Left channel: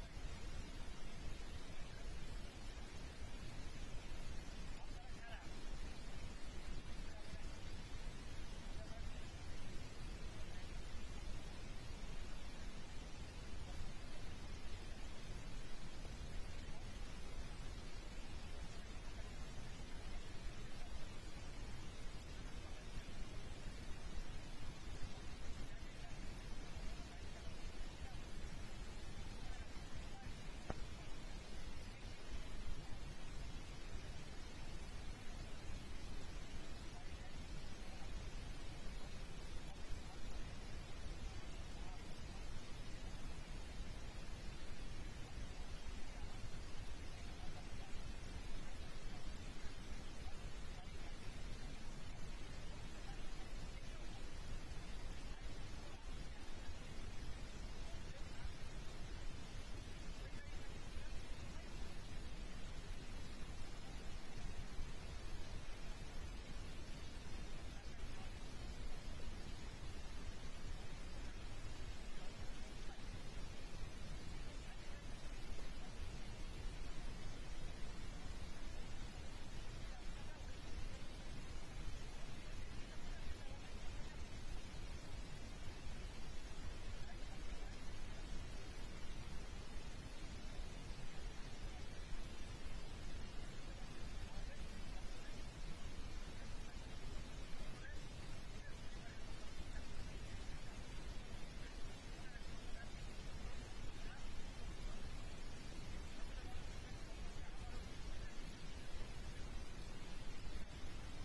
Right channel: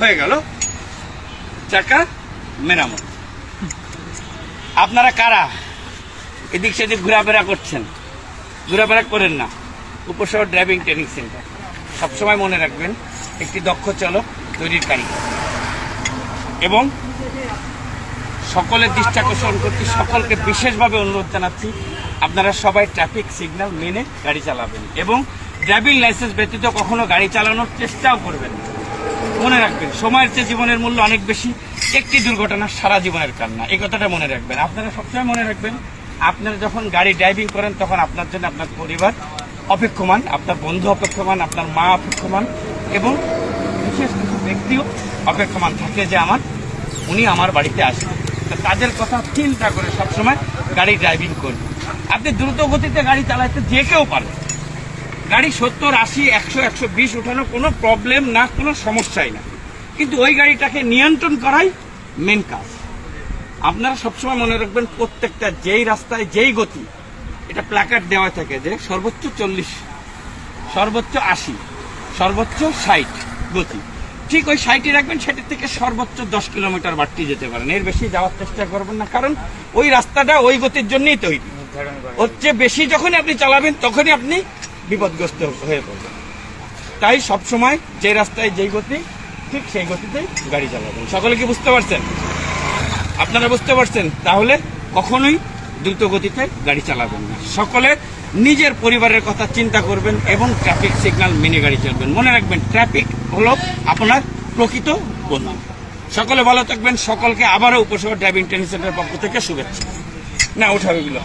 হয়ে গেল চাকা মেরামত। আপনারা কারা এদিক সেদিক ঘোরাফেরা করছেন? ঘোরাফেরা করেন না। উপশহর ড্রাইভিং ট্রেনিং সেন্টার, সবসময় মনে রাখবেন একটি দক্ষ চালক তৈরির কারিগর। এবং সকলের দৃষ্টি আকর্ষণ করতে সকলকে বিশেষভাবে অনুরোধ জানাচ্ছি, আপনারা সবাই ট্রাফিক সিগন্যাল মেনে গাড়ি চালাবেন এবং ড্রাইভিং লাইসেন্স ব্যতীত কখনো গাড়ি চালানোর চেষ্টাও করবেন না। মনে রাখবেন, সময়ের চেয়ে জীবনের মূল্য অনেক বেশি। একটি দুর্ঘটনা সারা জীবনের কান্না, এই কথাটা মনে রাখবেন। আপনারা সবসময় মনে রাখবেন, আপনারা যখন গাড়ি ড্রাইভিং করেন তখন আপনার জন্য আপনার পরিবার অপেক্ষমান, আপনার বন্ধু অপেক্ষমান, আপনার মা অপেক্ষমান এবং বিশেষ কিছু ব্যক্তিও অপেক্ষমান থাকে যে উনি আমার বাড়িতে আসবেন। তাদের কথা চিন্তা করে সবসময় গাড়ি ড্রাইভিং করবেন। আপনি দ্রুত গতিতে গাড়ি চালাতে যে কেউ পারে, গাড়ি 70, 80, 100, 120 উঠানো কোনো প্রবলেম না, কোনো সমস্যাই না, কিন্তু ওই গাড়িটাকে নিয়ন্ত্রণ করাই মেন কাজ। আপনারা সবসময় মনে রাখবেন, প্রত্যেকটা যেই রাস্তায় যেই গতি, এটা প্ল্যাকার্ড দেওয়া থাকে যে সর্বোচ্চ 40, সর্বোচ্চ 80, সর্বোচ্চ 60 গতি। ঠিক ওই 60ই রাখবেন, সেটির থেকে সর্বোচ্চ 10 কিলোমিটার বাড়তি যেতে পারেন, এর বেশি যাওয়ার চেষ্টা করবেন না, কারণ ওই রাস্তাটা ওই গতির জন্যই তৈরি। ওর চেয়ে বেশি যখনই আপনি চালাবেন তখনই আপনি বিপদগ্রস্ত হয়ে পড়বেন। তাই সবসময় যে রাস্তায় যেই গতি, ঠিক সেই গতিতেই গাড়ি চালাবেন। সকলে কি বুঝতে পারছেন? আপনারা বুঝতে পারছেন? তাহলে কখনোই দ্রুত গতিতে গাড়ি চালাবেন না। সকলে নিজের পরিবারের কথা চিন্তা করবেন এবং ট্রাফিক সিগন্যাল মেনে গাড়ি চালাবেন। মনে রাখবেন, ট্রাফিক হলো আপনার প্রকৃত বন্ধু। সকলে ভালো থাকবেন। সকলকে আবারও উপশহর ড্রাইভিং ট্রেনিং সেন্টারের পক্ষ থেকে শুভেচ্ছা। না, উঠাবে এগুলো।